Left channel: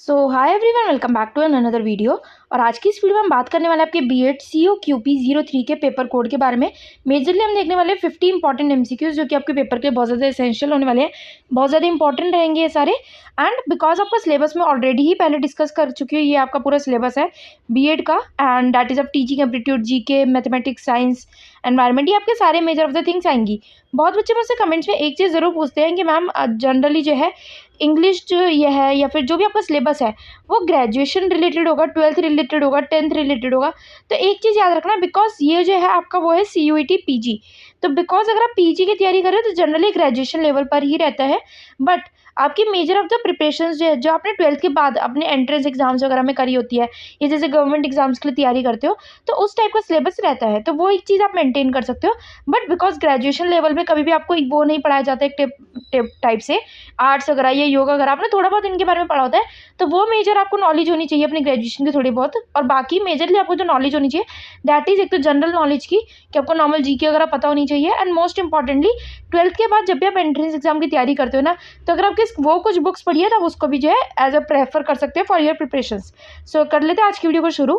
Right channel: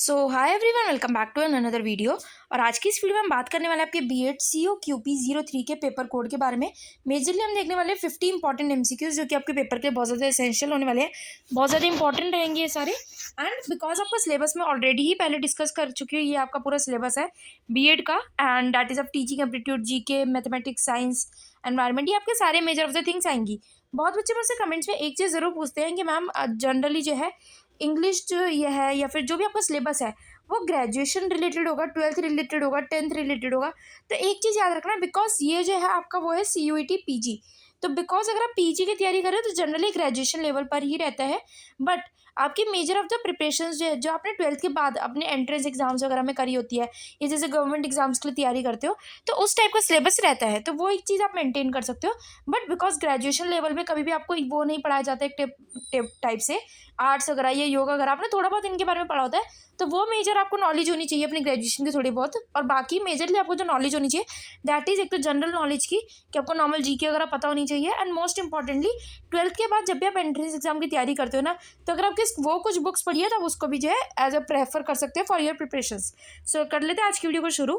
So hi everyone, welcome back to another video. और आज की इस वीडियो में हम बात करने वाले हैं आपके बीएड COQP03 के पेपर कोड के बारे में। मेजरली हम देखने वाले हैं 50 इंपॉर्टेंट MCQs जो कि आपके पेपर के लिए बहुत ज़्यादा एसेंशियल होने वाले हैं, बहुत ज़्यादा इंपॉर्टेंट रहेंगे ये सारे। एंड बिकॉज आपका सिलेबस में ऑलरेडी ही पहले डिस्कस कर चुकी हूँ, ये आपका पूरा सिलेबस है बीएड का, and that is of teaching aptitude, GK, mathematics, science, environment, ये आपके सारे मेजर ऑफ द थिंग्स आएंगी। बहुत बच्चे मुझसे कमेंट्स में एक चीज़ ज़रूर पूछते हैं कि मैम जनरली जो है इंग्लिश जो ये है या फिर जो भी आपका सिलेबस है वो ग्रेजुएशन रिलेटेड होगा, 12th रिलेटेड होगा, 10th रिलेटेड होगा। तो एक चीज़ याद रखना, बिकॉज ये जो है आपका वो है CUET PG। तो बिकॉज अगर आप PG की तैयारी कर रहे हो तो जनरली ग्रेजुएशन लेवल पर ही रहता है। बट आपकी मेजर ऑफ द प्रिपरेशंस जो है, जो आपने 12th के बाद अपने एंट्रेंस एग्जाम्स वगैरह में करी होती है, ये जैसे गवर्नमेंट एग्जाम्स के लिए तैयारी करते हो तो उस टाइप का सिलेबस रहता है, तो वो एक चीज़ आप मेंटेन कर सकते हो। बट बिकॉज ग्रेजुएशन लेवल में कभी भी आपको वो नहीं पढ़ाया जाता है एक टाइप से आर्ट्स वगैरह या योगा वगैरह, आपने थोड़ा बहुत इनके बारे में पढ़ा होता है, तो वो मेजर आपको नॉलेज होनी चाहिए अपनी ग्रेजुएशन की थोड़ी बहुत। और बाकी मेजरली आपको जो नॉलेज होनी चाहिए दैट इज़ एक तो जनरल नॉलेज की, कि आपको नॉर्मल जीके वगैरह पता होनी चाहिए। एंड मोस्ट इंपॉर्टेंटली 12th के बाद जब भी आप एंट्रेंस एग्जाम की तैयारी करते हो ना, तो अगर आपके वो कुछ बुक्स पढ़िए तो आप उसको भी जो है एज अ प्रेफर कर सकते हो फॉर योर प्रिपरेशंस। सो कर लेते हैं आज की वीडियो को शुरू।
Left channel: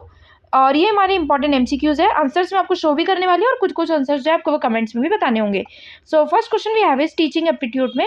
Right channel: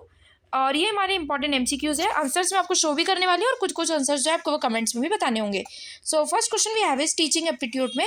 और ये हमारे इंपॉर्टेंट MCQs है, आंसर्स में आपको शो भी करने वाले हैं और कुछ कुछ आंसर्स जो है आपको वो कमेंट्स में भी बताने होंगे। So first question we have is teaching aptitude में,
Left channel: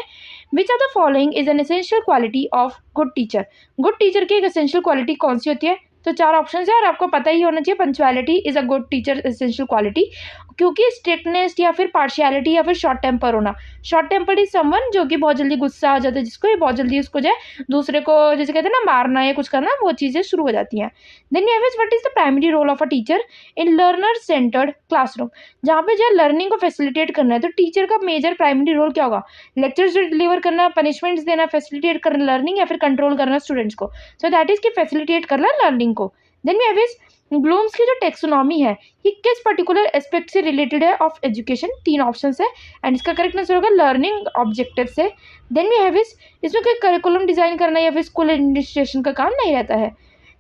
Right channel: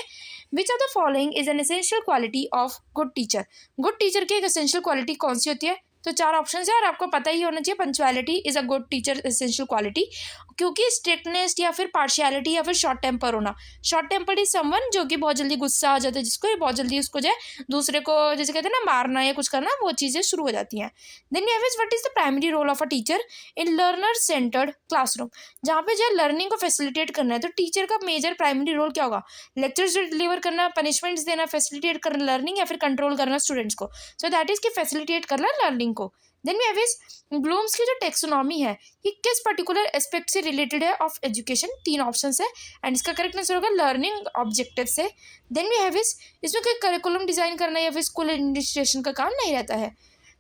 which are the following is an essential quality of good teacher. Good teacher की एक एसेंशियल क्वालिटी कौन सी होती है? तो 4 ऑप्शन है और आपको पता ही होना चाहिए, punctuality is a good teacher essential quality, क्योंकि स्ट्रिक्टनेस या फिर पार्शियलिटी या फिर शॉर्ट टेम्पर होना। शॉर्ट टेम्पर इज समवन जो कि बहुत जल्दी गुस्सा आ जाता है, जिसको ये बहुत जल्दी उसको जो है दूसरे को जैसे कहते हैं ना मारना या कुछ करना, वो चीज़ें शुरू हो जाती हैं। Then we have is what is the primary role of a teacher in learner centred classroom. जहाँ पे जो है लर्निंग को फैसिलिटेट करना है, तो टीचर का मेजर प्राइमरी रोल क्या होगा? लेक्चर्स डिलीवर करना, पनिशमेंट्स देना, फैसिलिटेट करना लर्निंग, या फिर कंट्रोल करना स्टूडेंट्स को। सो दैट इज कि फैसिलिटेट करना लर्निंग को। Then we have is Bloom's की जो टेक्सोनॉमी है ये किस पर्टिकुलर एस्पेक्ट से रिलेटेड है ऑफ एजुकेशन? 3 ऑप्शन है एंड इसका करेक्ट आंसर होगा लर्निंग ऑब्जेक्टिव से। देन वी हैव इज इसमें कोई करिकुलम डिजाइन करना या फिर स्कूल एडमिनिस्ट्रेशन का काम नहीं रहता है।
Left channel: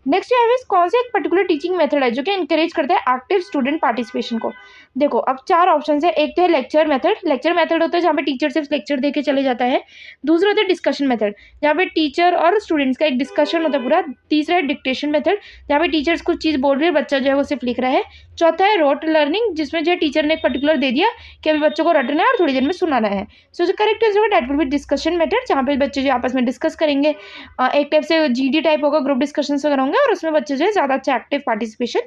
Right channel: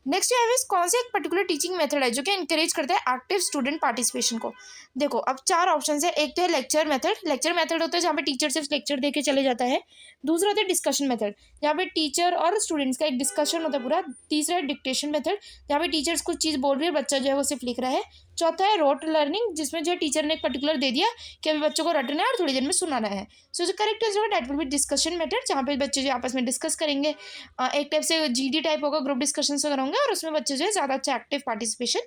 नेक्स्ट है कौन से एक पर्टिकुलर टीचिंग मेथड है जो कि इंकरेज करता है एक्टिव स्टूडेंट पार्टिसिपेशन को? देखो अब 4 ऑप्शन है, एक तो है लेक्चर मेथड। लेक्चर मेथड होता है जहाँ पे टीचर सिर्फ लेक्चर दे के चले जाता है। दूसरा होता है डिस्कशन मेथड, जहाँ पे टीचर और स्टूडेंट्स का एक डिस्कशन होता है पूरा। तीसरा है डिक्टेशन मेथड, जहाँ पे टीचर्स कुछ चीज़ बोल रही है, बच्चा जो है वो सिर्फ लिख रहा है। चौथा है रोट लर्निंग, जिसमें जो है टीचर ने एक पर्टिकुलर दे दिया कि अभी बच्चों को रटना है और थोड़ी देर में सुनाना है। सो जो करेक्ट आंसर होगा that will be discussion method, जहाँ पे बच्चे जो आपस में डिस्कस करेंगे। एक टाइप से GD टाइप होगा, ग्रुप डिस्कशन वगैरह होंगे और उसमें बच्चे जो है ज़्यादा अच्छा एक्टिव पार्टिसिपेशन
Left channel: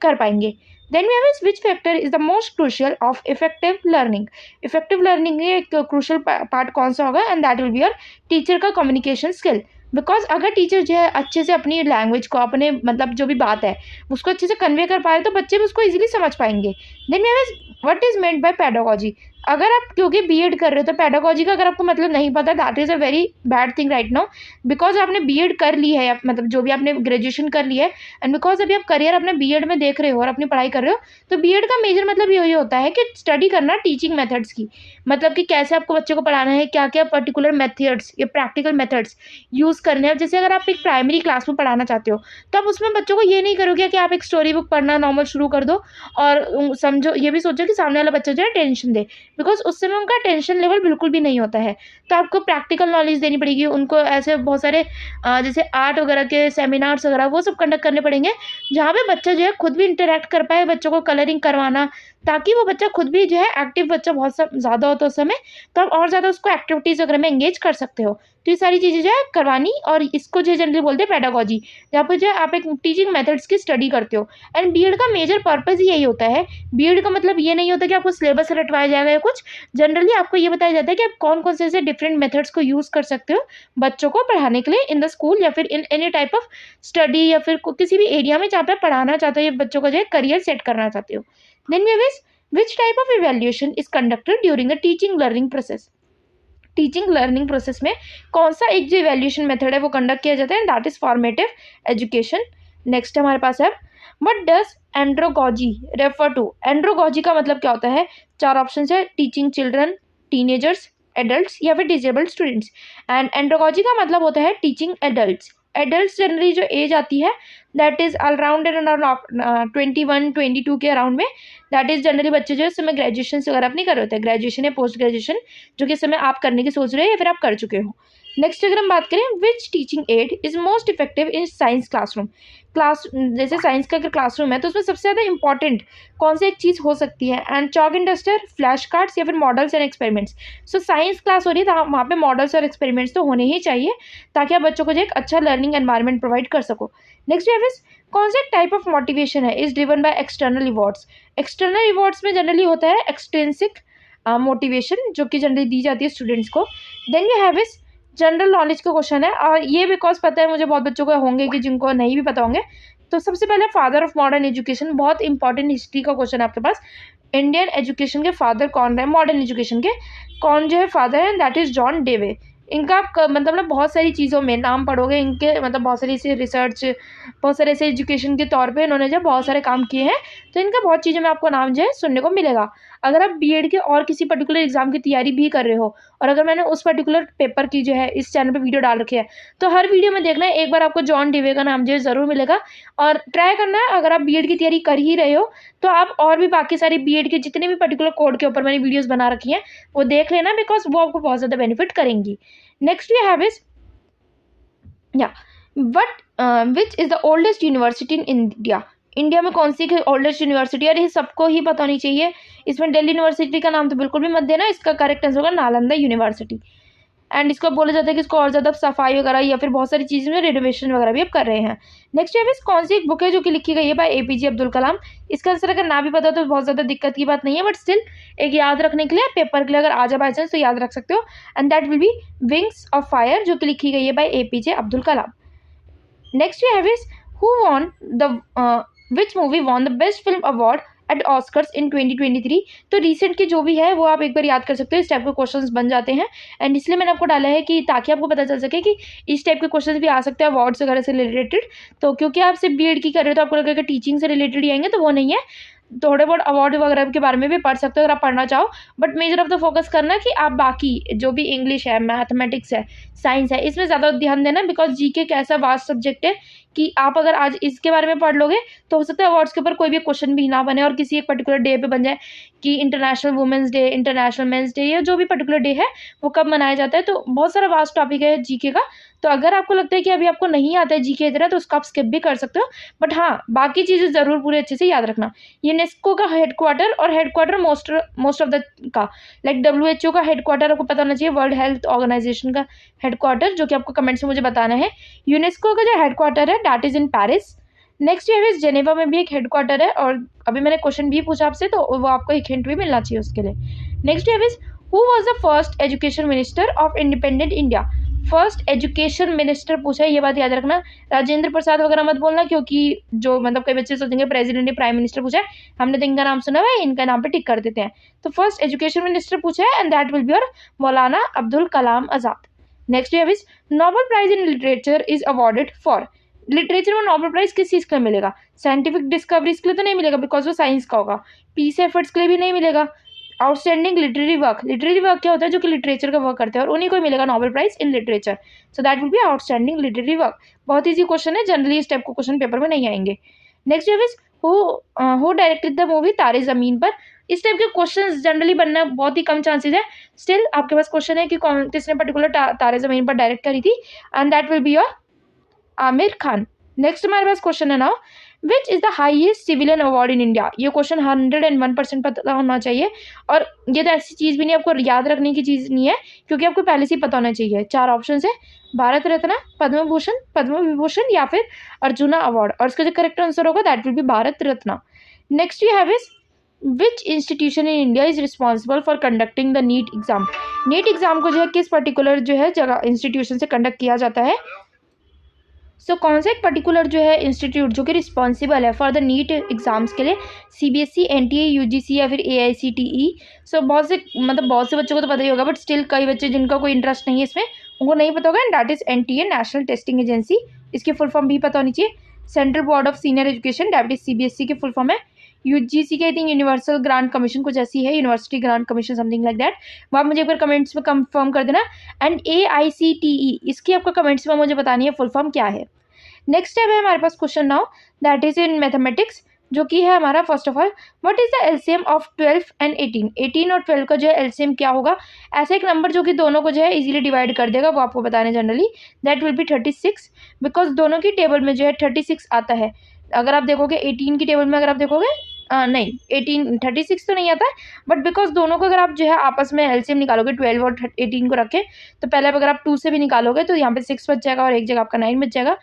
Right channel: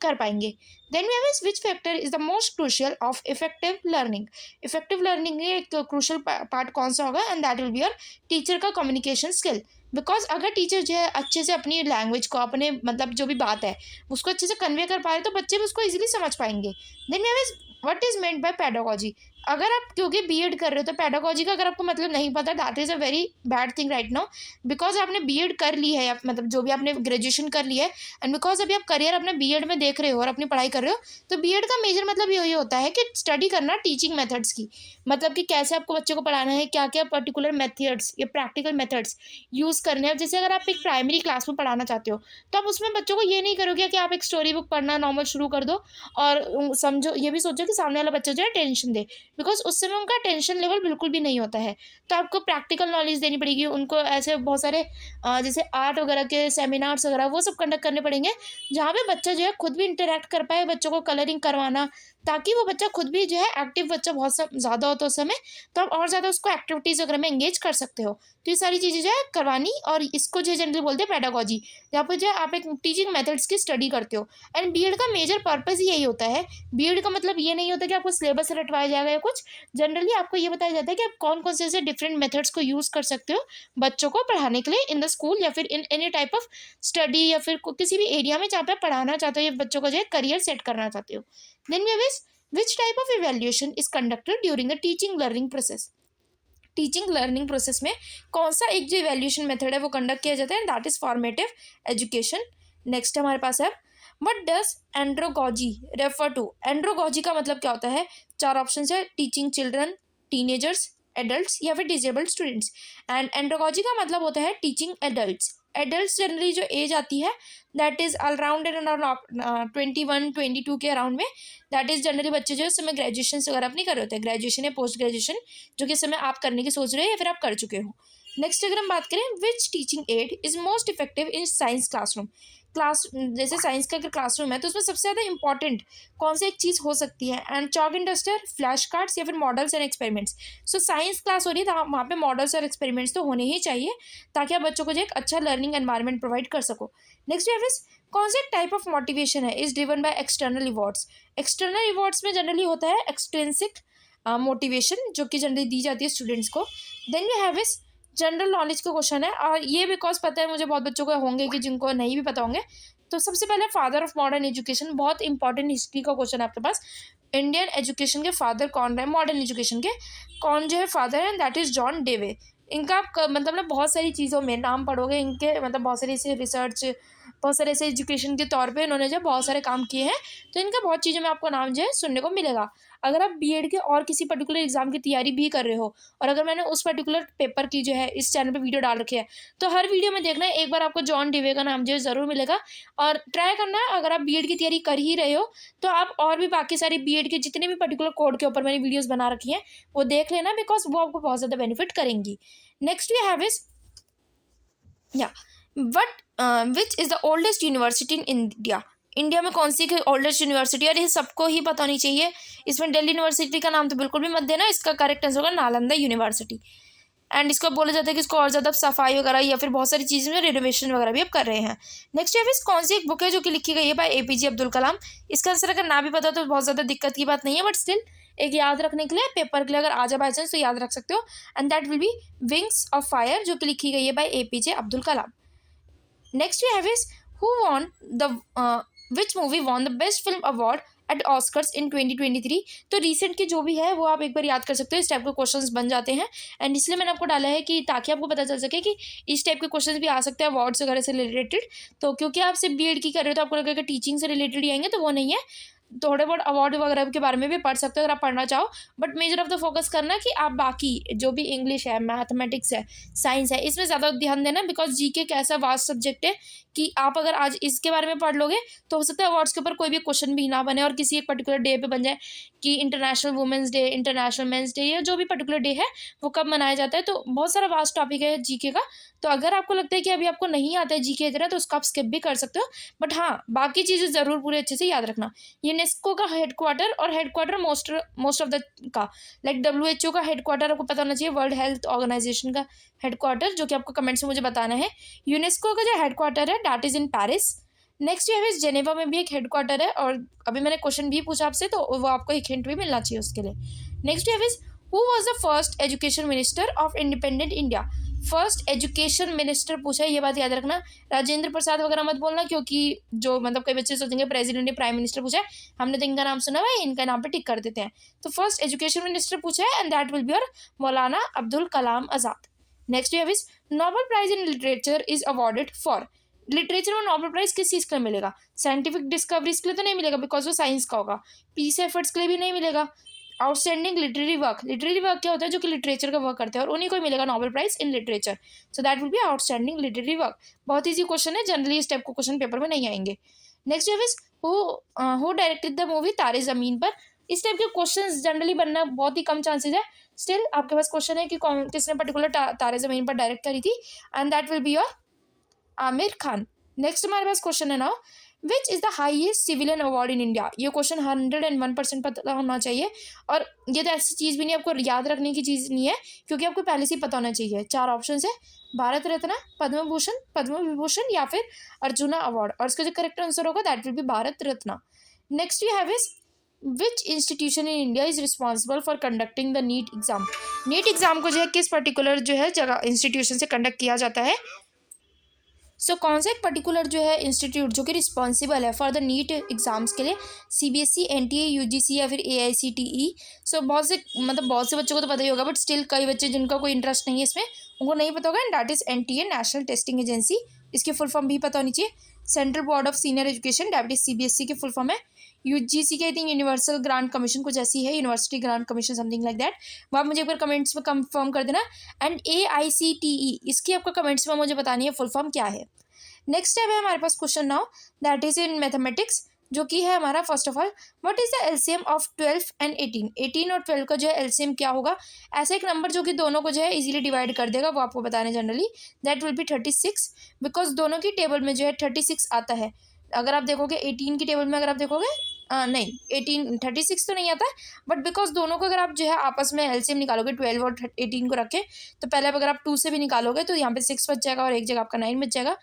कर पाएंगे। Then we have which factor is the most crucial of effective learning. Effective learning में एक क्रूशियल पार्ट कौन सा होगा? And that will be your teacher का कम्युनिकेशन स्किल। बिकॉज अगर टीचर जो है अच्छे से अपनी लैंग्वेज को, अपने मतलब जो भी बात है उसको अच्छे से कन्वे कर पाए तो बच्चे भी उसको इजीली समझ पाएंगे। Then we have what is meant by pedagogy. अगर आप क्योंकि बीएड कर रहे हो तो पेडागोजी का अगर आपको मतलब नहीं पता, that is a very bad thing right now. Because आपने बीएड कर ली है, मतलब जो भी आपने ग्रेजुएशन कर ली है, एंड बिकॉज अभी आप करियर अपने बीएड में देख रहे हो और अपनी पढ़ाई कर रहे हो, तो बीएड का मेजर मतलब यही होता है कि स्टडी करना टीचिंग मेथड्स की, मतलब कि कैसे आपको बच्चे को पढ़ाना है, क्या क्या पर्टिकुलर मेथड्स या प्रैक्टिकल मेथड्स यूज़ करने हैं। जैसे अगर आप एक प्राइमरी क्लास में पढ़ाना चाहते हो तो आप उसमें बच्चों को ये नहीं करोगे कि आप एक स्टोरी बुक पढ़ना नॉर्मल शुरू कर दो और समझो, ये भी सोचो कि सामने वाला बच्चा जो है टेंशन दे, बिकॉज उस समय उनका टेंशन लेवल बिल्कुल भी नहीं होता है। तो आपको प्रैक्टिकल नॉलेज देनी पड़ेगी उनको, ऐसे बहुत सारे जैसे आर्ट वगैरह के सेमिनार्स वगैरह वो सब कंडक्ट करने पड़ेंगे, जहाँ पे बच्चा जो है खुद भी इंटरेक्ट कर पाए, बच्चों को कलरिंग करवाना, ताकि वो बच्चा खुद भी जो है एक्टिव, बच्चा बहुत ज़्यादा होता है उस समय, तो आप और ज़्यादा उसको एक्टिविटीज़ वगैरह में एंगेज कर सकते हो। तो ये सारी चीज़ें जो है करवानी, और इसको जो जनरली बोलते हैं पेडागोजी, जहाँ पर जो है आप एक टीचिंग मेथड्स की स्टडी करते हो। एंड बीएड का मेजर पर्पज़ ही यही होता है। बीएड का मतलब ये नहीं होता कि आपको सिलेबस रटवाया जाएगा या कुछ, जनरली आपको ये बताया जाता है कि आप कौन कौन से ऐसे डिफरेंट मेथड्स को यूज़ कर सकते हो बच्चों को पढ़ाने के लिए इन द स्कूल या फिर in any type of study, या फिर किसी भी एरिया में जहाँ पे पढ़ाना चाहते हो या बच्चों को जो है करियर सेट करना चाहते हो। Then we which type of evaluation is conducted during the teaching learning process. Teaching learning process में कौन सा एक जो इवेल्यूशन मेथड है वो कंडक्ट किया जाता है? That is formative education. Next हमारे पास है व्हाट डज एंड्रोगॉजी रेफर टू। एंड्रोगॉजी का मतलब क्या होता है? 4 ऑप्शन है, टीचिंग चिल्ड्रन, टीनेजर्स, एडल्ट्स, या फिर डिजेबल्ड स्टूडेंट्स। एंड एंड्रोगॉजी का मतलब होता है टीचिंग एडल्ट्स। एडल्ट्स जनरली जो एज आती है that is around and around 21-22 के अराउंड में, दैट इज़ जनरली बच्चे जो है इस समय ग्रेजुएशन वगैरह अपनी कर रहे होते हैं, ग्रेजुएशन या पोस्ट ग्रेजुएशन, जो कि इस समय आप करने की सोच रहे हैं या फिर आप कर चुके हो। नेक्स्ट अगर हम बात करें, which teaching aid is most effective in science classroom. जैसे साइंस का अगर क्लासरूम है तो उसमें सबसे ज़्यादा इंपॉर्टेंट कौन सी एक चीज़ हो सकती है, and chalk and duster, flash cards या फिर models and experiments. So science class हो रही है तो वहाँ पे मॉडल्स और एक्सपेरिमेंट्स तो होने ही चाहिए ताकि आप बच्चों को जो एक अच्छा लर्निंग एनवायरनमेंट प्रोवाइड कर सको। नेक्स्ट है कौन सा टाइप ऑफ मोटिवेशन है is driven by external rewards. External rewards में जनरली होता है एक्सट्रिंसिक मोटिवेशन जो कि जनरली दी जाती है स्टूडेंट्स को। Then you have is general knowledge का क्वेश्चन है, और ये बिकॉज पता है मुझे बहुत बच्चों को होंगे कि जिनको नहीं भी पता होंगे। तो सबसे पहले फादर ऑफ मॉडर्न एजुकेशन, बहुत इंपॉर्टेंट हिस्ट्री का क्वेश्चन है आपके पास। इंडियन एजुकेशन के फादर कौन रहे, मॉडर्न एजुकेशन के कौन जो है फादर है, दैट इज जॉन डेवे। इनका आप मतलब ना बहुत सारी चीज़ों में नाम पढ़ोगे इनके, मतलब बहुत सारी ऐसी रिसर्च, बहुत सारे ऐसे एजुकेशन के तौर पे इन्होंने जो बहुत सारे काम किए हैं, तो इनका बहुत चीज़ों में आपको नाम जो है सुनने को मिलेगा। अगर आप बीएड के और किसी पर्टिकुलर एग्जाम की तैयारी भी कर रहे हो, और अगर मैंने उस पर्टिकुलर पेपर की जो है इस चैनल पे वीडियो डाल रखी है, तो हर वीडियो में देखना है एक बार आपको जॉन डेवे का नाम जो है ज़रूर मिलेगा। और ट्राई करना है अगर आप बीएड की तैयारी कर ही रहे हो तो आप और भी बाकी सारी बीएड के जितने भी पर्टिकुलर कोड के ऊपर मैंने वीडियोज़ बना रखी हैं वो देख लेना, बिकॉज वो आपको बहुत ज़्यादा बेनिफिट करेंगी। Next we have is which is the oldest university in India. India में कौन सी ओल्डेस्ट यूनिवर्सिटी, और ये सबको ही पता होनी चाहिए। इसमें दिल्ली यूनिवर्सिटी का नाम तो बिल्कुल भी मत देना, इसका करेक्ट आंसर होगा नालंदा यूनिवर्सिटी। एंड इसको बोला जाता है कि इसको और ज़्यादा सफाई वगैरह या फिर बहुत सारी चीज़ें में रेनोवेशन वगैरह भी अब कर रहे हैं। नेक्स्ट है कौन सी एक बुक है जो कि लिखी गई है बाय एपीजे अब्दुल कलाम। इसका आंसर अगर ना भी पता तो बहुत ज़्यादा दिक्कत की बात नहीं है, बट स्टिल एक याद रखने के लिए पेपर के लिए अगर आ जाए बाई चांस तो याद रख सकते हो, and that will be wings of fire जो कि लिखी गई है by APJ Abdul Kalam. Next we have is who won the which movie won the best film award at Oscars in 2023। तो रिसेंट की जो भी है वो आप एक बार याद कर सकते हो, इस टाइप के क्वेश्चंस बन जाते हैं। एंड इसलिए मैंने आपको डाला है कि ताकि आपको पता चल सके कि इस टाइप के क्वेश्चंस भी आ सकते हैं अवार्ड्स वगैरह से रिलेटेड। तो क्योंकि आप सिर्फ बीएड की कर रहे हो तो आपको लगेगा टीचिंग से रिलेटेड ही आएंगे, तो वो नहीं है। थोड़े बहुत अवार्ड वगैरह के बारे में भी पढ़ सकते हो अगर आप पढ़ना चाहो, but measure of the focus करना कि आप बाकी जो भी इंग्लिश है, मैथमेटिक्स है, साइंस है, इसमें ज़्यादा ध्यान देना, बिकॉज जीके एक ऐसा वास्ट सब्जेक्ट है कि आप अगर आज इसके बारे में पढ़ लोगे तो हो सकता है अवार्ड्स के ऊपर कोई भी क्वेश्चन भी ना बने और किसी एक पर्टिकुलर डे पे बन जाए कि international women's day, international men's day, या जो भी पर्टिकुलर डे है वो कब मनाया जाता है। तो बहुत सारा वास्ट टॉपिक है जीके का। तो अगर आपको लगता है कि अभी आपको नहीं आता है जीके इतना तो उसको आप स्किप भी कर सकते हो, बट हाँ बाकी चीज़ें ज़रूर पूरे अच्छे से याद रखना। यूनेस्को का हेडक्वार्टर, और हेडक्वार्टर मोस्ट ऑफ द का लाइक WHO का हेडक्वार्टर आपको पता होना चाहिए, वर्ल्ड हेल्थ ऑर्गेनाइजेशन का हेडक्वार्टर, जो कि आपको कमेंट्स में मुझे बताना है। यूनेस्को का जो हेडक्वार्टर है that is in Paris. Next ये है जेनेवा में भी एक हेडक्वार्टर है, और अभी मैंने क्वेश्चन भी पूछा आपसे तो वो आपको एक हिंट भी मिलना चाहिए उसके लिए। नेक्स्ट है who was the first education minister of independent India. First education minister पूछा है, ये बात याद रखना। राजेंद्र प्रसाद वगैरह मत बोलना, क्योंकि जो मतलब कई बच्चे सोचेंगे प्रेसिडेंट या प्राइम मिनिस्टर पूछा है, हमने तो इनका नाम सुना हुआ है, इनका नाम पे टिक कर देते हैं। तो फर्स्ट एजुकेशन मिनिस्टर पूछा है, and that will be your Maulana Abdul Kalam Azad. Next है Nobel prize in literature is awarded for. Literature में नोबेल प्राइज किस चीज़ के लिए मिलेगा? साइंटिफिक डिस्कवरीज के लिए तो नहीं मिलेगा बिकॉज वो साइंस का होगा। पीस एफर्ट्स के लिए भी नहीं मिलेगा। आउटस्टैंडिंग लिटरेरी वर्क क्या होता है? जो कि लिटरेचर का वर्क करते हैं, और उन्हीं को मिलेगा Nobel prize in literature. So that will be outstanding literary work. बहुत ईजी क्वेश्चन है, जनरली इस टाइप को क्वेश्चन पेपर में नहीं आएंगे। Next is who directed the movie Taare Zameen पर। इस टाइप के क्वेश्चन जनरली बनना बहुत ही कम चांसेस है। स्टिल आपके पास क्वेश्चन है कि कौन किसने पर्टिकुलर तारे ज़मीन पर डायरेक्ट करी थी, and that will be your Aamir Khan. Next हमारे पास क्वेश्चन है now which is the highest civilian award in India. ये क्वेश्चन 101% पता होना चाहिए, और ये तो ऐसी चीज़ भी नहीं आपको याद रखने की चीज़ नहीं है, क्योंकि आपको पहले से ही पता होना चाहिए। 4 ऑप्शन है, भारत रत्न, पद्म भूषण, पद्म विभूषण या फिर अर्जुना अवार्ड, और इसका जो करेक्ट आंसर होगा that will be Bharat Ratna. Next we have is which institution in India is responsible for conducting the NEET exam. NEET exam को जो है किस पर्टिकुलर जो है जगह इंस्टीट्यूशन से कंडक्ट किया जाता है। सो कौन सा एक पर्टिकुलर जो है इंस्टीट्यूट जो कि रिस्पॉन्सिबल है फॉर द नीट एग्जाम्स के लिए, CBSE, NTA, UGC या फिर AICTE। सो बहुत से बच्चों को तो पता ही होगा, बट स्टिल कई बच्चे जिनका कोई इंटरेस्ट नहीं है इसमें उनको नहीं पता होगा, and that is NTA, national testing agency. इसकी फुल फॉर्म भी पता होनी चाहिए। Central board of senior education that is CBSE की फुल फॉर्म है। UGC के I think universal grant commission कुछ ऐसी है, university grant commission something like that. वो आप मुझे एक बार कमेंट्स में कंफर्म कर देना। एंड AICTE इसकी आपको कमेंट्स में मुझे बतानी है फुल फॉर्म क्या है। नेक्स्ट है हमारे पास question now that is in mathematics. जो कि है हमारा first of all what is the LCM of 12 and 18। 18 और 12 का जो है एलसीएम क्या होगा, ऐसा एक नंबर जो कि दोनों को जो है इजीली डिवाइड कर देगा, वो आपको बताना है generally. That will B 36, because दोनों की टेबल में जो है 36 आता है। अगर आप देखोगे 18 की टेबल में, अगर आप देखोगे नहीं 18 36 तो नहीं आता है, बट बिकॉज दोनों को अगर आप जो है आपस में एलसीएम निकालोगे 12 और 18 को रखे, तो पहले अगर आप 2 से भी निकालोगे तो यहाँ पे 6 बच जाएगा और एक जगह आपका 9 बच जाएगा।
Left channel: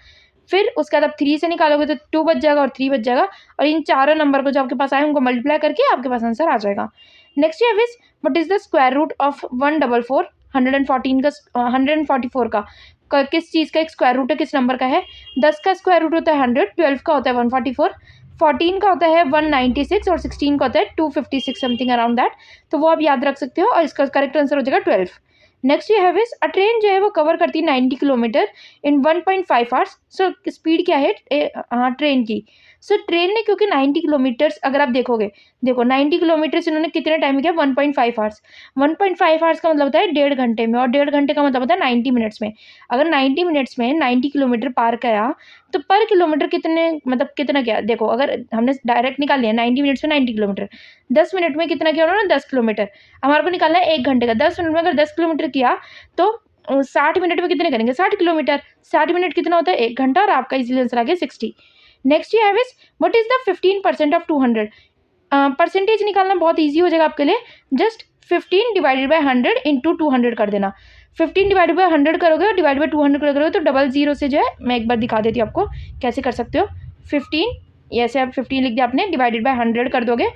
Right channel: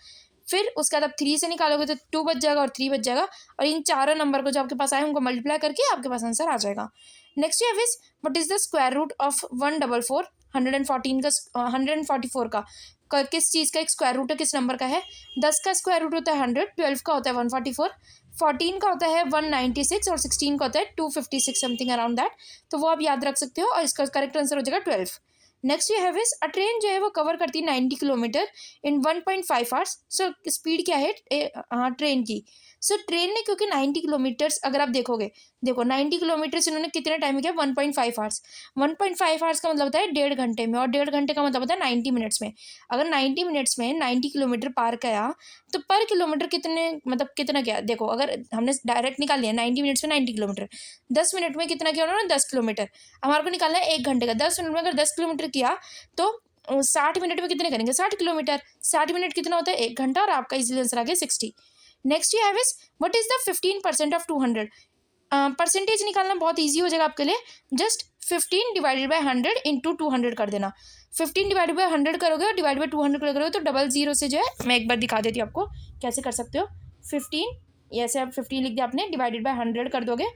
फिर उसके बाद आप 3 से निकालोगे तो 2 बच जाएगा और 3 बच जाएगा, और इन चारों नंबर को जो आपके पास आए उनको मल्टीप्लाई करके आपके पास आंसर आ जाएगा। नेक्स्ट है this what is the square root of 144 114 का 144 का किस चीज़ का एक स्क्वायर रूट है, किस नंबर का है। 10 का स्क्वायर रूट होता है 100, 12 का होता है 144, 14 का होता है 196 और 16 का होता है 256 समथिंग अराउंड दैट। तो वो आप याद रख सकते हो और इसका करेक्ट आंसर हो जाएगा 12। नेक्स्ट ये है विस अ ट्रेन जो है वो कवर करती है 90 किलोमीटर इन 1.5 आवर्स। सो स्पीड क्या है हाँ ट्रेन की। सो ट्रेन ने क्योंकि 90 किलोमीटर्स अगर आप देखोगे, देखो 90 किलोमीटर्स इन्होंने कितने टाइम में किया 1.5 आवर्स। 1.5 आवर्स का मतलब होता है 1.5 घंटे में, और 1.5 घंटे का मतलब होता है 90 मिनट्स में। अगर 90 मिनट्स में 90 किलोमीटर पार किया तो पर किलोमीटर कितने मतलब कितना क्या, देखो अगर हमने डायरेक्ट निकाल लिया 90 मिनट्स में 90 किलोमीटर, 10 मिनट में कितना किया उन्होंने 10 किलोमीटर। हमारे को निकालना है 1 घंटे का, 10 मिनट में अगर 10 किलोमीटर किया तो 60 मिनट में कितने करेंगे 60 किलोमीटर। 60 मिनट कितना होता है 1 घंटा, और आपका इजीली आंसर आ गया 60। Next you have is what is the 15% of 200। Percentage निकालना बहुत ईजी हो जाएगा आपके लिए, जस्ट 15 डिवाइडेड बाय 100 इंटू 200 कर देना। 15 डिवाइडेड बाय 100 करोगे और डिवाइड बाय 200 करोगे तो डबल जीरो से जो है मैं एक बार दिखा देती हूँ आपको कैसे कर सकते हो। 15 ऐसे आप 15 लिख दिया आपने, डिवाइडेड बाय 100 कर दोगे।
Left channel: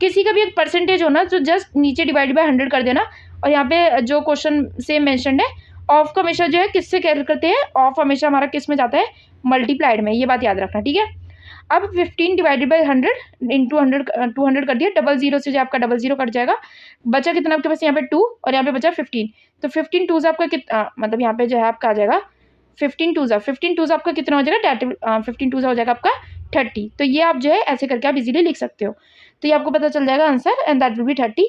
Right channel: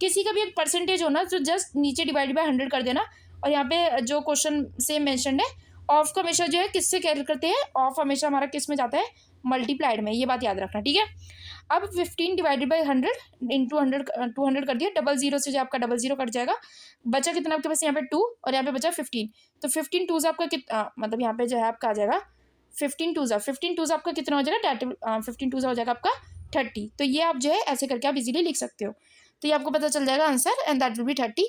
किसी का भी एक परसेंटेज होना तो जस्ट नीचे डिवाइडेड बाय 100 कर देना। और यहाँ पे जो क्वेश्चन से मैंशनड है ऑफ का हमेशा जो है किससे कैलकुलेट करते हैं, ऑफ हमेशा हमारा किस में जाता है मल्टीप्लाइड में, ये बात याद रखना ठीक है। अब 15 डिवाइडेड बाई 100 इंटू 200 कर दिया, डबल जीरो से जो आपका डबल जीरो कट जाएगा, बचा कितना आपके पास यहाँ पे 2 और यहाँ पे बचा 15। तो 15 टू आपका कितना मतलब यहाँ पे जो है आपका आ जाएगा 15 टू आपका कितना हो जाएगा 15 टू हो जाएगा आपका 30। तो ये आप जो है ऐसे करके आप इजीली लिख सकते हो, तो ये आपको पता चल जाएगा answer and that will B 30।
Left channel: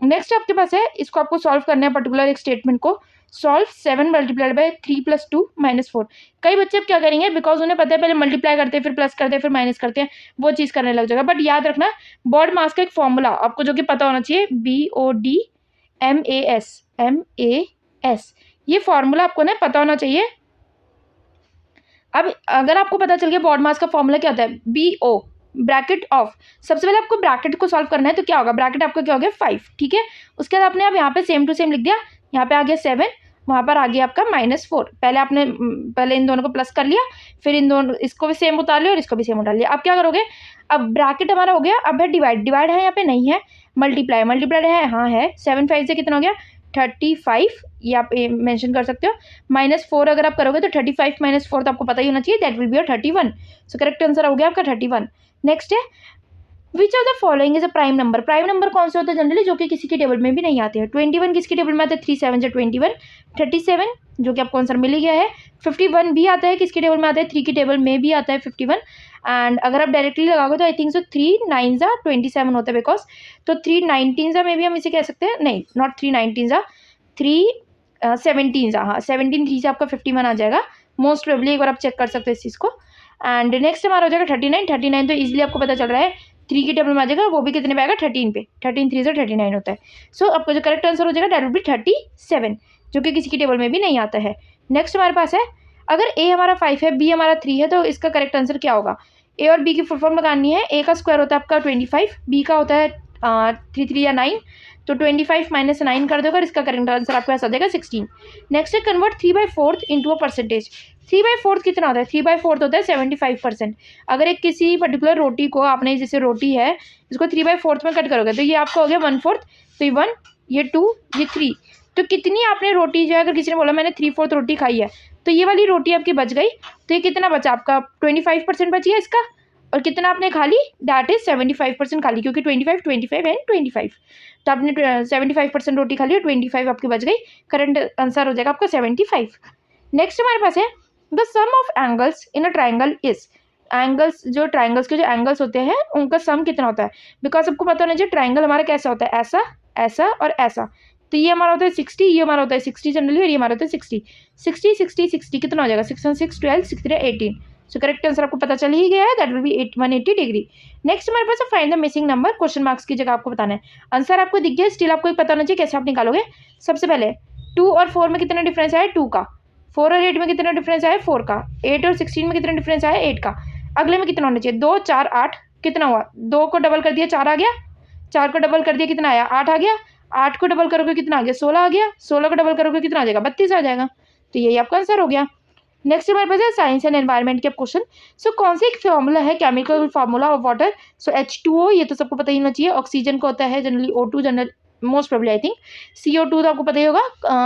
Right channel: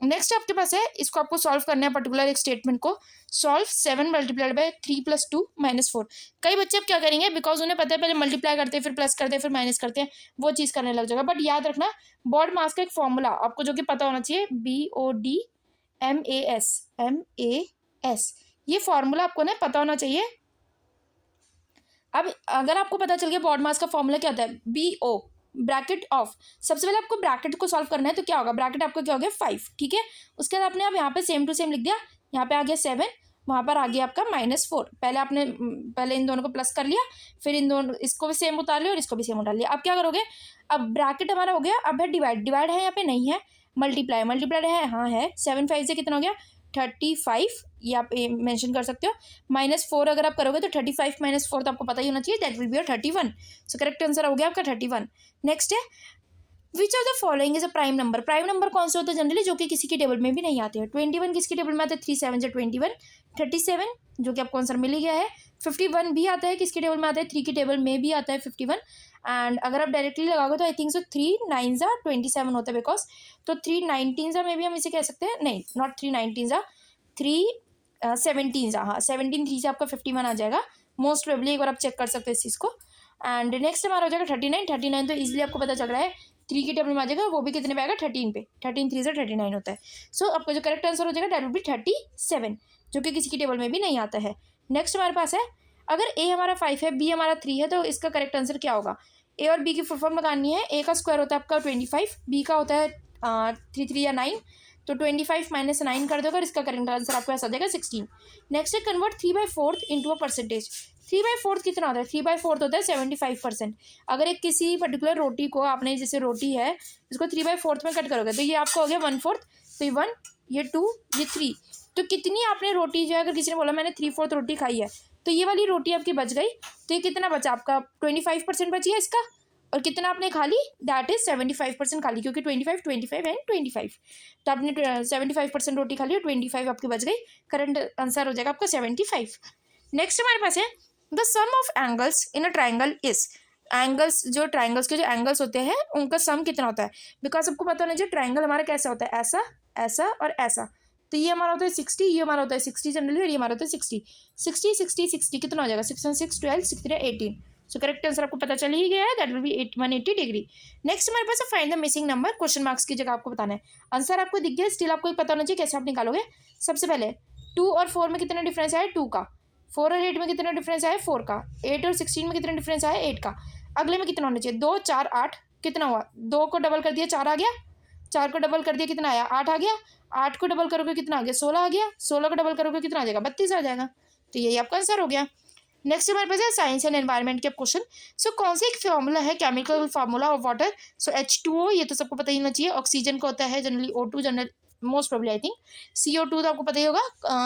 Next आपके पास है, इसको आपको सॉल्व करना है पर्टिकुलर एक स्टेटमेंट को। Solve 7 multiplied by 3 + 2 - 4। कई बच्चे अब क्या करेंगे, बिकॉज उन्हें पता है पहले मल्टीप्लाई करते हैं फिर प्लस करते हैं फिर माइनस करते हैं, वो चीज़ करने लग जाएगा। बट याद रखना बॉड मास का एक फॉर्मूला आपको जो कि पता होना चाहिए, BOD MAS, ये फॉर्मूला आपको ना पता होना चाहिए। अब अगर आपको पता चल गया बॉड मास का फॉर्मूला क्या होता है, BO ब्रैकेट ऑफ, सबसे पहले आपको ब्रैकेट को सॉल्व करना है, तो क्या होगा ब्रैकेट आपका क्या हो गया 5, ठीक है। उसके बाद आपने अब यहाँ पे सेम टू सेम लिख दिया, यहाँ पे आ गया 7, वहाँ पर आ गया आपका -4। पहले आपने पहले इन दोनों को प्लस कर लिया, फिर इन दोनों इसको भी सेम उतार लिया और इसको भी सेम उतार लिया। अब क्या करोगे, अब ब्रैकेट हमारा हो गया, अब है डिवाइड है यहाँ पे नहीं है, मल्टीप्लाई है हाँ है, 7 5 से कितना हो गया 35, ये आप मेंशन कर सकते हो। -4 अगर आप करोगे तो 35 - 4 तो आपको पता ही होना चाहिए, that will B 31। So correct answer हो गया आपका 31। नेक्स्ट है which of the following is a prime number. Prime number कौन सा होता है जनरली, जो कि किसी की टेबल में भी नहीं आते हैं। 21 किसकी टेबल में आता है, 3 7 से 21, 37 जो कि आपको आंसर मिल ही गया है। 51 भी आता है, किसकी टेबल में आता है, 3 की टेबल में भी आता है 51। एंड अगर आप डायरेक्टली लगाओगे तो आई थिंक सो 3 9 27 होता है, बिकॉज तो 3 19 में भी हम इसे कह सकते हैं, नहीं नॉट 3 19 3 17 हाँ 17 3 से आपका 51 आ जाएगा मोस्ट प्रोबेबली, एक बार आप चेक कर सकते हैं इस चीज़ को। एंड नेक्स्ट हमारा हो जाएगा 39 तो इजीली आपको पता चल रहा है 3 की टेबल में आ जाएगा, वो भी कितने पे आएगा 13 पे, 13 3 से 39 होता है। सो आपका जो करेक्ट आंसर हो जाएगा दैट विल बी 37, जो कि किसी की टेबल में भी नहीं आता है। नेक्स्ट हमारे पास है, अगर ए हमारा 5 है, बी हमारा 3 है, तो इसका करेक्ट आंसर क्या होगा। ए और बी की फुल फॉर्म लगानी है, ए का स्क्वायर होता है आपका 25, बी का होता है 3 3 या 9, तो 25 - 9 कर दोगे और इसका करेक्ट आंसर आपको ऐसा देगा 16। नेक्स्ट है कन्वर्ट 3/4 इंटू अ परसेंटेज। 3/4 कितना होता है, 3/4 होता है 75%। अगर एक किसी पर्टिकुलर रोटी को आपने, जैसे रोटी है इसको 3/4 में कट करोगे तो ये आपका हो गया 1/4, तो ये 1 ये 2 ये 3, तो कितनी आपने रोटी जो है, अगर किसी ने बोला मैंने 3/4 रोटी खाई है तो ये वाली रोटी आपकी बच गई, तो ये कितना बचा आपका 25% बची है इसका, और कितना आपने खा ली दैट इज 75% खा ली, क्योंकि 25 25 एंड 25, तो आपने 75% रोटी खा ली और 25 आपकी बच गई, करंट आंसर हो जाएगा आपका 75। नेक्स्ट हमारे पास है the sum of angles in a triangle is. Angles जो ट्राइंगल्स के जो एंगल्स होते हैं उनका सम कितना होता है, बिकॉज आपको पता होना चाहिए ट्राइंगल हमारा कैसा होता है, ऐसा ऐसा और ऐसा। तो ये हमारा होता है 60, ये हमारा होता है 60 जनरली, और ये हमारा होता है 60 60 60 60 कितना हो जाएगा 6 1 6 12 6 3 18, सो करेक्ट आंसर आपको पता चल ही गया है, that will B 180 degree. Next हमारे पास है find the missing number, question marks की जगह आपको बताना है। आंसर आपको दिख गया, स्टिल आपको एक पता होना चाहिए कैसे आप निकालोगे। सबसे पहले 2 और 4 में कितना डिफरेंस आया, 2 का। 4 और 8 में कितना डिफरेंस आया, 4 का। 8 और 16 में कितना डिफरेंस आया, 8 का। अगले में कितना होना चाहिए, 2 4 8, कितना हुआ, 2 को डबल कर दिया 4 आ गया, 4 को डबल कर दिया कितना आया, 8 आ गया, 8 को डबल करोगे कितना आ गया, 16 आ गया, 16 को डबल करोगे कितना आ जाएगा, 32 आ जाएगा। तो यही आपका आंसर हो गया। नेक्स्ट हमारे पास है साइंस एंड एनवायरनमेंट के क्वेश्चन। सो कौन सा एक फॉर्मूला है, chemical formula of water. So H2O, ये तो सबको पता ही होना चाहिए। ऑक्सीजन को होता है generally O2, general most probably I think. CO2 तो आपको पता ही होगा,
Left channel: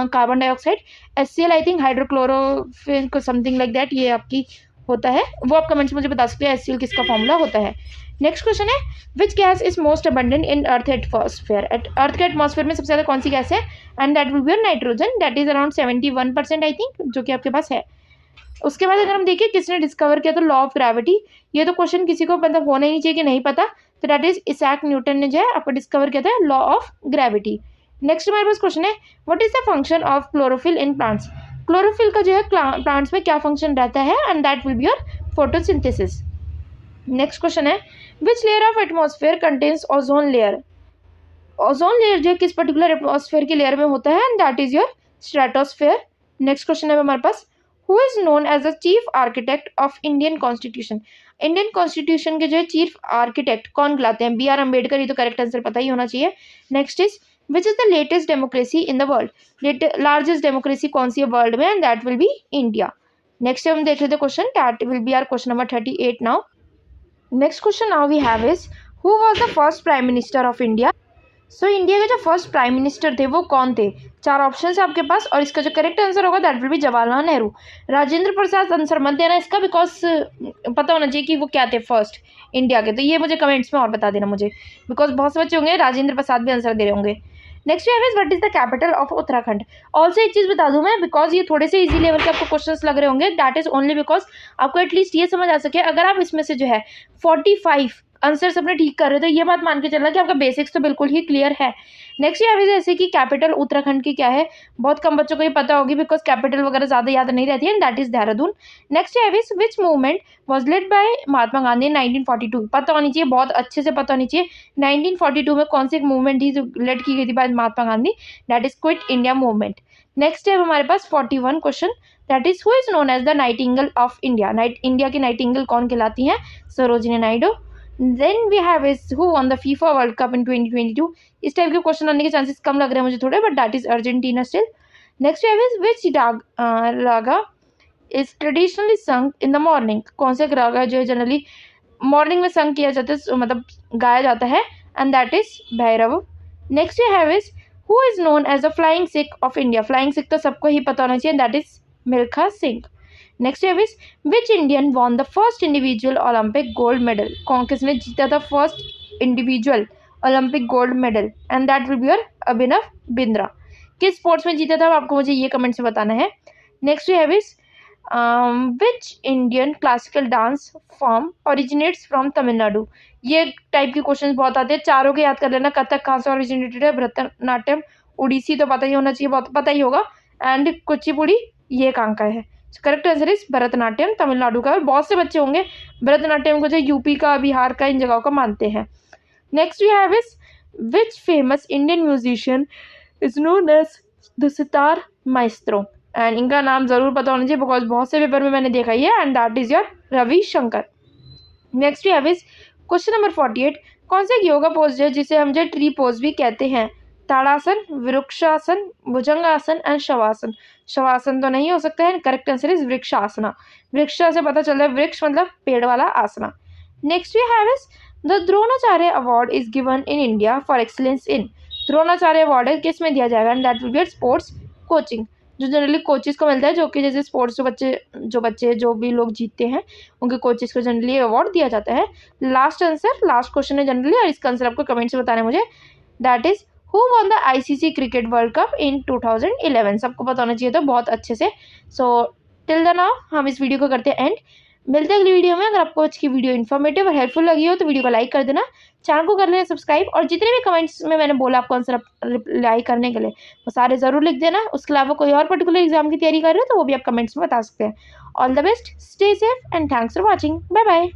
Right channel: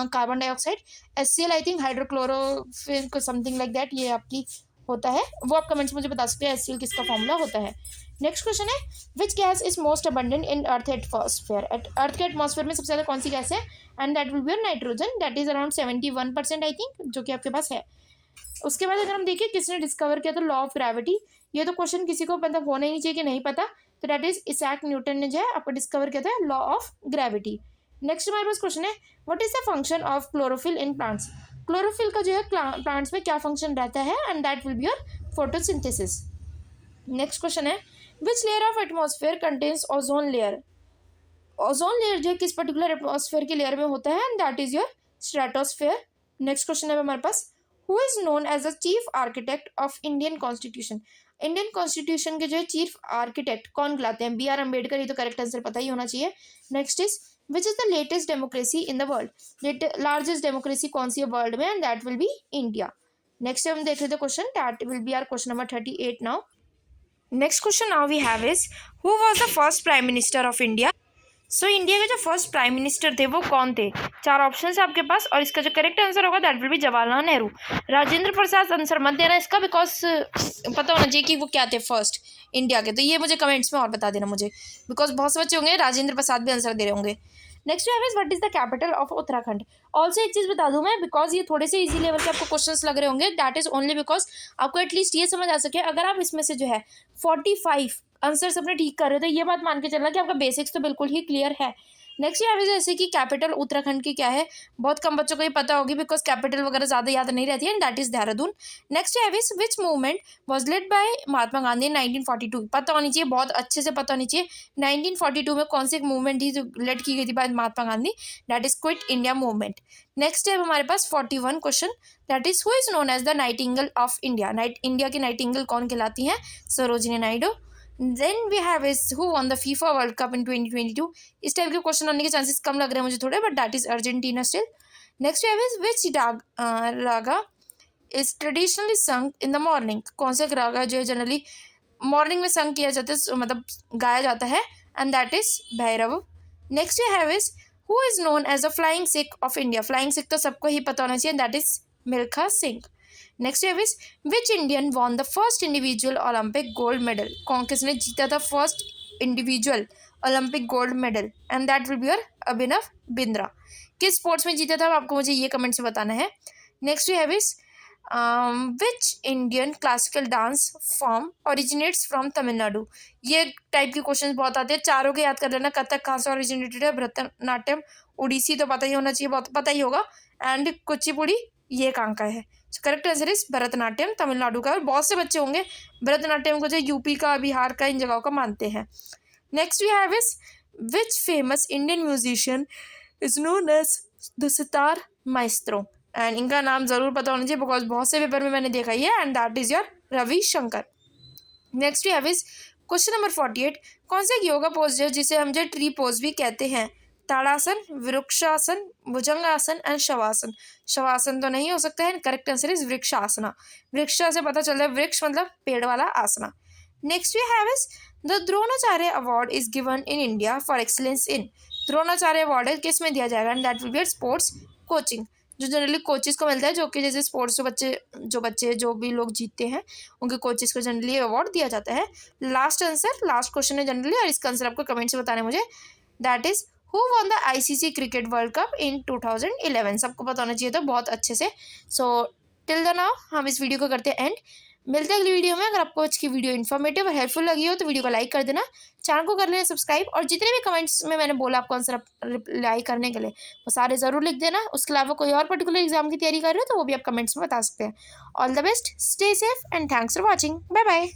carbon dioxide. HCl I think हाइड्रोक्लोरोफिन को समथिंग लाइक दैट, ये आपकी होता है, वो आप कमेंट्स में मुझे बता सकते हैं HCl किसका फॉर्मूला होता है। नेक्स्ट क्वेश्चन है which gas is most abundant in earth atmosphere. Earth के एटमॉस्फेयर में सबसे ज़्यादा कौन सी गैस है, and that will be nitrogen, that is around 71% I think, जो कि आपके पास है। उसके बाद अगर हम देखें किसने डिस्कवर किया, तो लॉ ऑफ ग्रेविटी। ये तो क्वेश्चन किसी को मतलब होना ही नहीं चाहिए कि नहीं पता, तो दैट इज इसैक न्यूटन ने जो है आपको डिस्कवर किया था लॉ ऑफ ग्रेविटी। नेक्स्ट हमारे पास क्वेश्चन है what is the function of chlorophyll in plants. Chlorophyll का जो है प्लांट्स में क्या फंक्शन रहता है, and that will be your photosynthesis. Next question है which layer of atmosphere contains ozone layer. Ozone layer जो है किस पर्टिकुलर एटमॉस्फेयर की लेयर में होता है, and that is your stratosphere. Next question है हमारे पास who is known as the chief architect of Indian constitution. Indian constitution के जो है चीफ आर्किटेक्ट कौन कहलाते हैं, BR अम्बेडकर, ये तो करेक्ट आंसर पता ही होना चाहिए। Next is which is the latest democracy in the world. Largest democracy कौन सी है वर्ल्ड में, and that will be India. Next हम देख लेते हैं question, that will be our question number 38 now. Next question now we have is who was the first prime minister of India. So India के जो first prime minister थे वो कौन थे। 4 ऑप्शन है आपके पास, और इसका जो करेक्ट आंसर होगा that will B Jawaharlal Nehru. Rajendra Prasad answer मत देना इसका, बिकॉज पता होना चाहिए कि वो क्या थे फर्स्ट इंडिया के, तो ये मुझे कमेंट्स में और बता देना मुझे, बिकॉज बहुत से बच्चे होंगे राजेंद्र प्रसाद भी आंसर दे रहे होंगे। नेक्स्ट है what is the capital of Uttarakhand. Also एक चीज़ बता दूं मैं, बिकॉज ये थोड़े से इजी लेवल के आपको क्वेश्चंस लग रहे होंगे, दैट इज ओनली बिकॉज आपको एटलीस्ट ये समझ आ सके, अगर आप इसमें से जो है 45 आंसर्स अपने ठीक कर रहे हो तो ये बात मान के चलना कि आपका बेसिक्स तो बिल्कुल ही क्लियर है। नेक्स्ट ये जैसे कि कैपिटल उत्तराखंड की क्या है, बहुत कम बच्चों को ये पता होगी, बिकॉज कैपिटल वगैरह ज़्यादा याद नहीं रहती है, and that is Dehradun. Next है which movement was led by Mahatma Gandhi 1942। पता होनी चाहिए, बहुत अच्छे से पता होनी चाहिए 1942 में कौन सी एक मूवमेंट थी जो लेड की गई थी by Mahatma Gandhi, that is quit India movement. Next है हमारे पास 41 question, that is who is known as the nightingale of India. India की नाइटिंगेल कौन कहलाती हैं, Sarojini Naidu. Then we have is who won the FIFA World Cup in 2022। इस type के question आने के चांसेस कम लग रहे हैं मुझे थोड़े, but that is Argentina still. Next we have is which Raga is traditionally sung in the morning। कौन से रागा जो है जनरली मॉर्निंग में संग किया जाता है, मतलब गाया जाता है, and that is Bhairav. Next we have is who is known as the flying Sikh of India। Flying Sikh तो सबको ही पता होना चाहिए, that is Milkha Singh. Next है which Indian won the first individual Olympic gold medal. कौन किसने जीता था first individual Olympic gold medal, and that will be your Abhinav Bindra. किस स्पोर्ट्स में जीता था आपको मुझे ये कमेंट से बताना है। नेक्स्ट है which Indian classical dance form originates from Tamil Nadu. ये टाइप के क्वेश्चन बहुत आते हैं, चारों के याद कर लेना। कथक कहाँ से ओरिजिनेटेड है, भरतनाट्यम, उड़ीसी तो पता ही होना चाहिए, बहुत पता ही होगा, एंड कुचिपुड़ी ये कहाँ का है। Correct answer is Bharatanatyam, Tamil Nadu का। और बहुत से बच्चे होंगे भरतनाट्यम को जो यूपी का, बिहार का, इन जगहों का मानते हैं। Next we have is which famous Indian musician is known as the sitar maestro. And इनका नाम ज़रूर पता होना चाहिए, बिकॉज बहुत से पेपर में मैंने देखा ही है, and that is your Ravi Shankar. Next we have is question number 48 कौन सा योगा पोज है जिसे हम जो ट्री पोज भी कहते हैं। ताड़ासन, वृक्षासन, भुजंगासन एंड शवासन। शवासन तो नहीं हो सकता है, करेक्ट आंसर इज वृक्षासना। वृक्षा से पता चल रहा है वृक्ष मतलब पेड़ वाला आसना। Next we have is the Dronacharya award is given in India for excellence in. Dronacharya award किस में दिया जाएगा, and that will be sports coaching, जो जनरली कोचेस को मिलता है, जो कि जैसे स्पोर्ट्स जो भी लोग जीतते हैं उनके कोचेस को जनरली अवार्ड दिया जाता है। लास्ट क्वेश्चन है जनरली, और इसका आंसर आपको कमेंट से बताना है मुझे, that is who won the ICC cricket world cup in 2011। सबको पता होना चाहिए तो बहुत अच्छे से। सो टिल द नाउ हम इस वीडियो को करते हैं एंड। मिलते हैं अगली वीडियो में। अगर आपको आज की वीडियो इन्फॉर्मेटिव और हेल्पफुल लगी हो तो वीडियो को लाइक कर देना, चैनल को कर लेना सब्सक्राइब, और जितने भी कमेंट्स में मैंने बोला आपको आंसर रिप्लाई करने के लिए वो सारे ज़रूर लिख देना। उसके अलावा कोई और पर्टिकुलर एग्जाम की तैयारी कर रहे हो तो वो भी आप कमेंट्स में बता सकते हैं। All the best, stay safe and thanks for watching. Bye bye.